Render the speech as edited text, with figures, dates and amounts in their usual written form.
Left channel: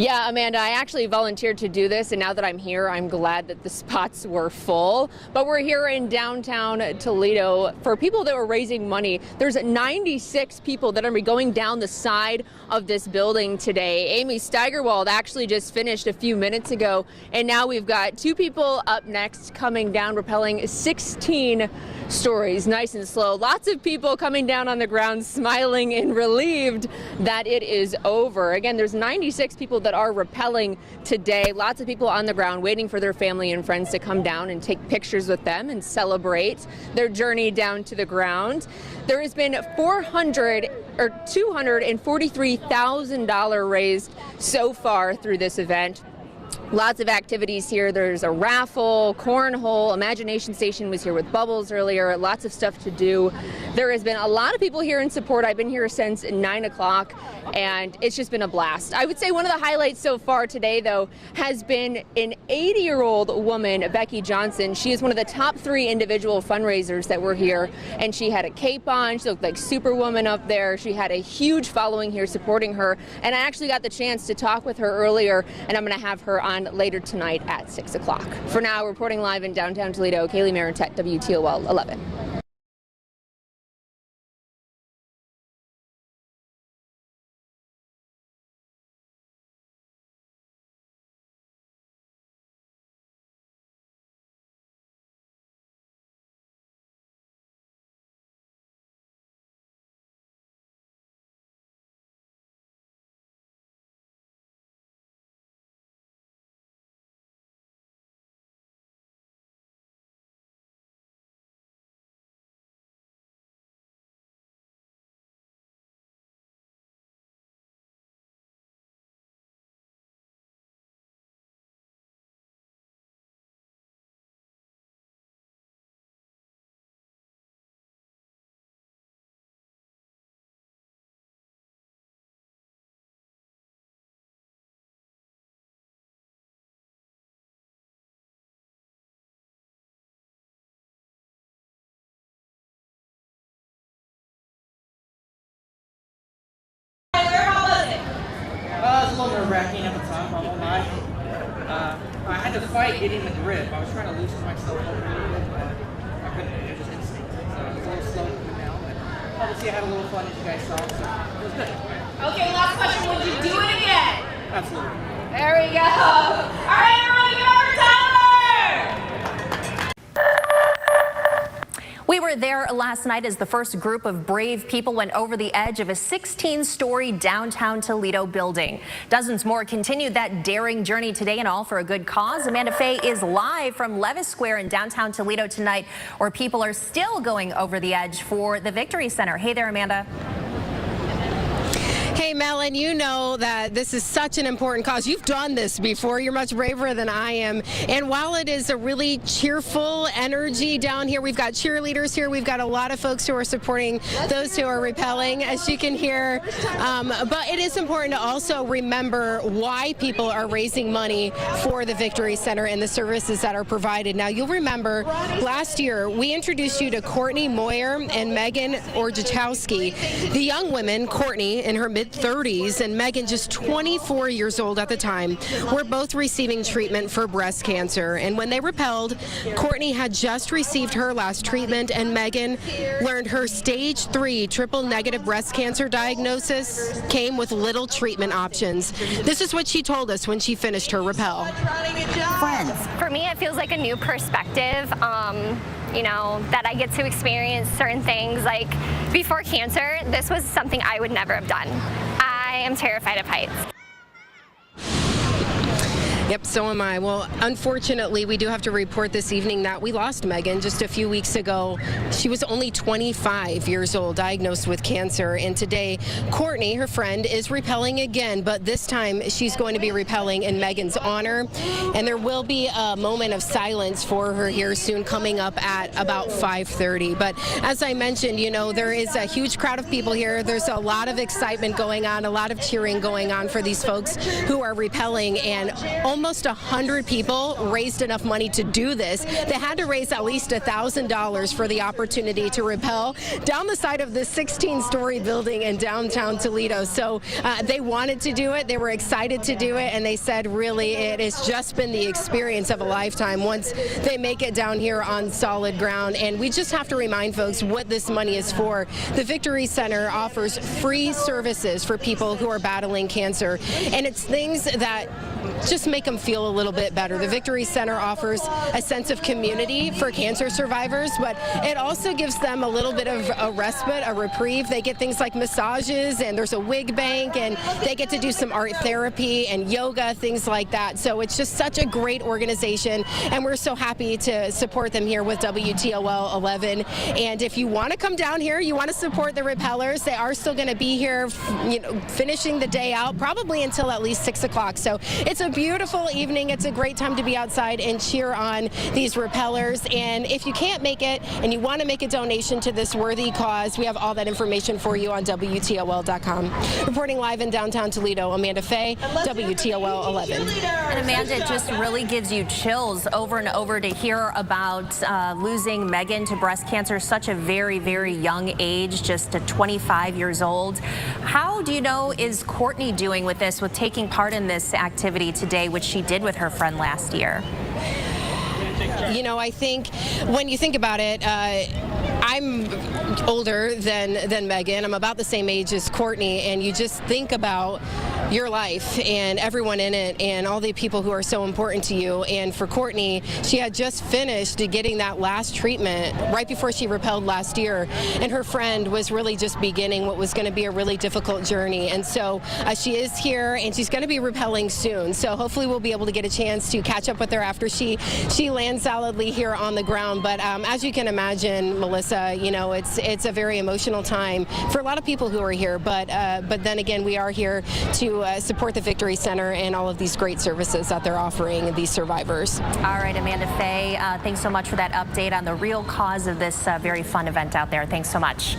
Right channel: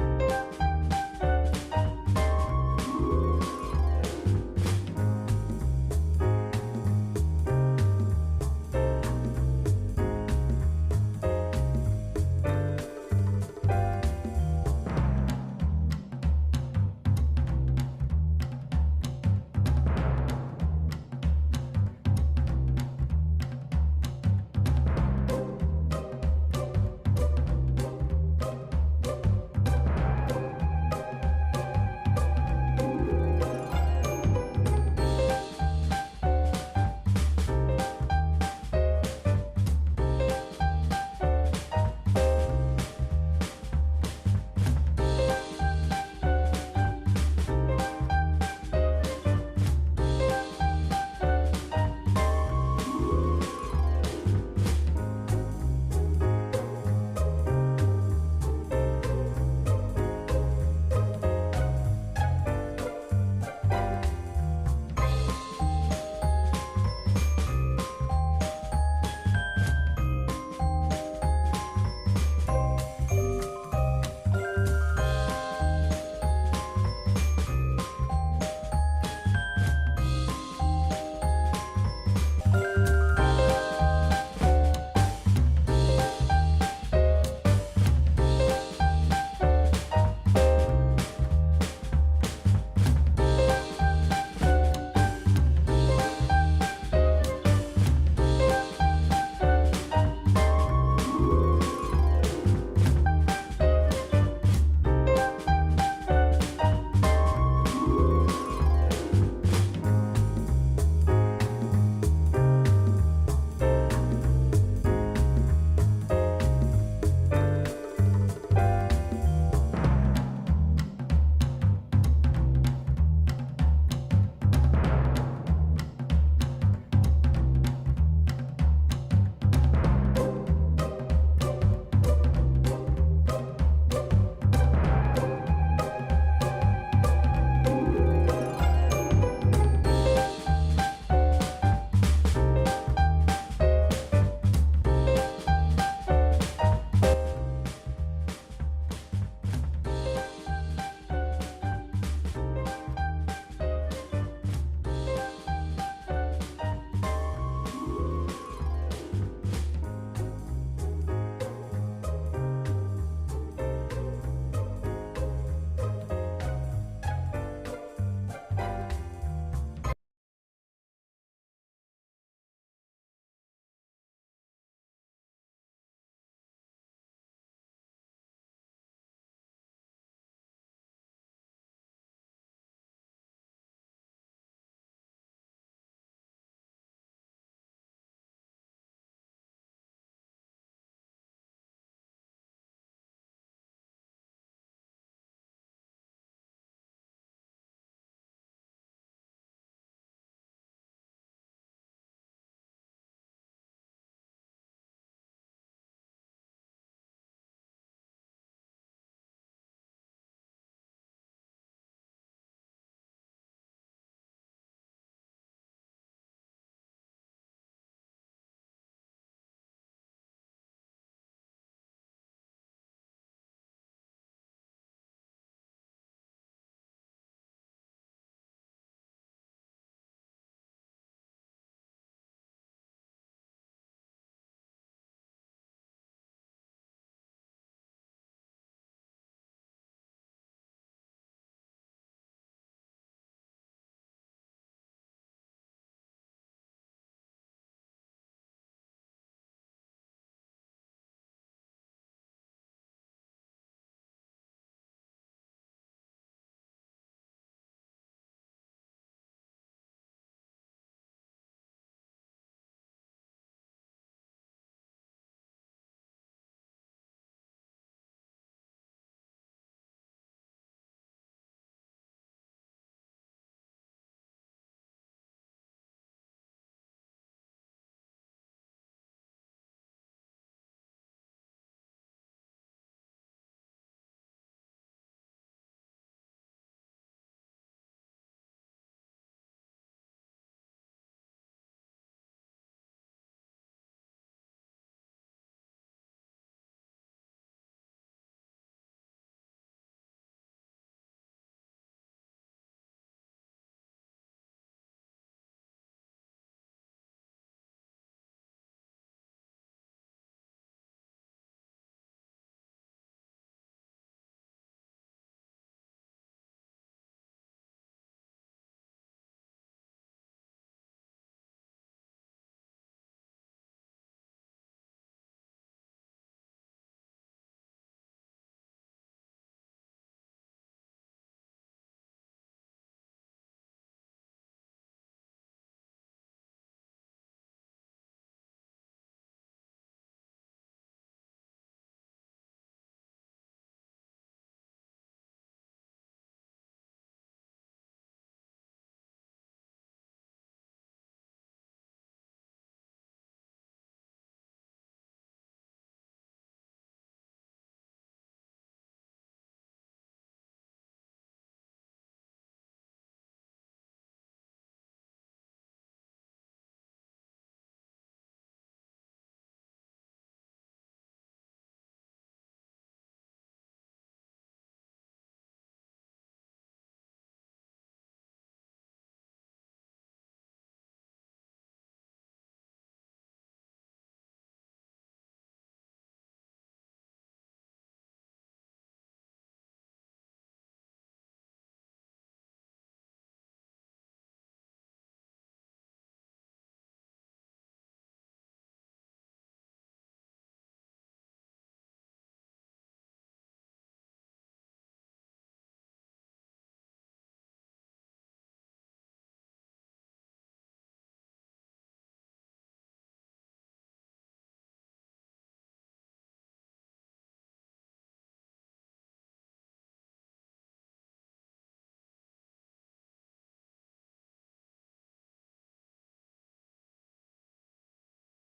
Yeah, Amanda, I actually volunteered to do this, and now that I'm here, I'm glad that the spots were full. But we're here in downtown Toledo for people that were raising money. There's 96 people that are going down the side of this building today. Amy Steigerwald actually just finished a few minutes ago, and now we've got two people up next coming down, rappelling 16 stories, nice and slow. Lots of people coming down on the ground, smiling and relieved that it is over. Again, there's 96 people that are rappelling today. Lots of people on the ground waiting for their family and friends to come down and take pictures with them and celebrate their journey down to the ground. There has been $243,000 raised so far through this event. Lots of activities here. There's a raffle, cornhole, imagination station was here with bubbles earlier, lots of stuff to do. There has been a lot of people here in support. I've been here since 9 o'clock, and it's just been a blast. I would say one of the highlights so far today, though, has been an 80-year-old woman, Becky Johnson. She is one of the top 3 individual fundraisers that were here, and she had a cape on. She looked like Superwoman up there. She had a huge following here supporting her, and I actually got the chance to talk with her earlier, and I'm going to have her on later tonight at 6 o'clock. For now, reporting live in downtown Toledo, Kaylee Maritet, WTOL 11. Nerve-wracking at the time, I won't lie. I had to fight getting the grip. I was trying to loosen myself up a little bit, but I couldn't. It just instinct. So it was a little slow coming down, but obviously I had a little fun, as you guys saw, so it was good. Okay, last question. Would you do it again? Absolutely. There we go. All right, everyone, give it up for Tyler! We were there last night as the first group of brave people went over the edge of a 16-story downtown Toledo building. Dozens more continued that daring journey today, and all for a good cause. Amanda Faye is live from Levis Square in downtown Toledo tonight, where people are still going over the edge for the Victory Center. Hey there, Amanda. Hey, Mel, and you know that this is such an important cause. You've done this before. You're much braver than I am. And while it is a really cheerful energy down here, we've got cheerleaders here. We've got a lot of folks who are supporting those who are rappelling, as you can hear. But it is important to also remember why people are raising money for the Victory Center and the services that are provided. Now, you'll remember last year we introduced you to Courtney Moyer and Megan Orjachowski. The young women, Courtney in her mid-30s and Megan just 24 years old at the time, were both receiving treatment for breast cancer. And when they rappelled, Courtney had just received her last treatment, and Megan learned her stage 3 triple-negative breast cancer diagnosis came with little treatment options. This is what she told us when she finished her rappel. Friends. For me, it feels like a new perspective. You know, that I get to experience certain things. Like before cancer, this was something I would never have done. I am terrified of heights. Yep, so am I. Well, unfortunately, we do have to report this evening that we lost Megan just a few weeks ago. She was only 25 years old, diagnosed with cancer. And today, Courtney, her friend, is rappelling again, but this time she's going to be rappelling in Megan's honor. And there will be a moment of silence for her here soon, coming up at about 5:30. But as I mentioned, you know, there is a huge crowd of people here. There's a lot of excitement going on, a lot of cheering going on for these folks who are rappelling, and almost almost 100 people raised enough money to do this. They had to raise at least $1,000 for the opportunity to rappel down the side of this 16-story building in downtown Toledo. So they wanted to do it. They were excited to do it, and they said really it has just been the experience of a lifetime once they make it down here on solid ground. And we just have to remind folks what this money is for. The Victory Center offers free services for people who are battling cancer, and it's things that just make them feel a little bit better. The Victory Center offers a sense of community for cancer survivors, but it also gives them a little bit of a respite, a reprieve. They get things like massages, and there's a wig bank, and they get to do some art therapy and yoga, things like that. So it's just such a great organization, and we're so happy to support them here with WTOL 11. And if you want to come down here, you want to support the rappellers, they are still going to be here, finishing the day out, probably until at least 6 o'clock. So it's a beautiful evening. It's a great time to be outside and cheer on these rappellers. And if you can't make it and you want to make a donation to this worthy cause, we have all that information for you on WTOL.com. Reporting live in downtown Toledo, Amanda Fay, WTOL 11. And Amanda, it just really gives you chills over and over to hear about losing Megan to breast cancer, such a very, very young age, just at 25 years old. How do you know is Courtney doing with this, with taking part in this activity today, which she did with her friend last year? You know, I think when you think about it, I'm older than Megan. I'm about the same age as Courtney, and you just think about your life and everyone in it and all the people who are so important to you. And for Courtney, she had just finished getting that last treatment right before she rappelled last year, and her friend was really just beginning what was going to be a really difficult journey. And so she is here, and she's going to be rappelling soon. So hopefully we'll be able to get a chance to catch up with her after she lands solidly here on the ground. But as you can imagine, Melissa, you know, it's a very emotional time for a lot of people who are here. But then again, we are here to support the Victory Center and all of these great services that they're offering these survivors. All right, Amanda Fay, thanks so much for that update on the real cause of this very fun event out there. Thanks so much.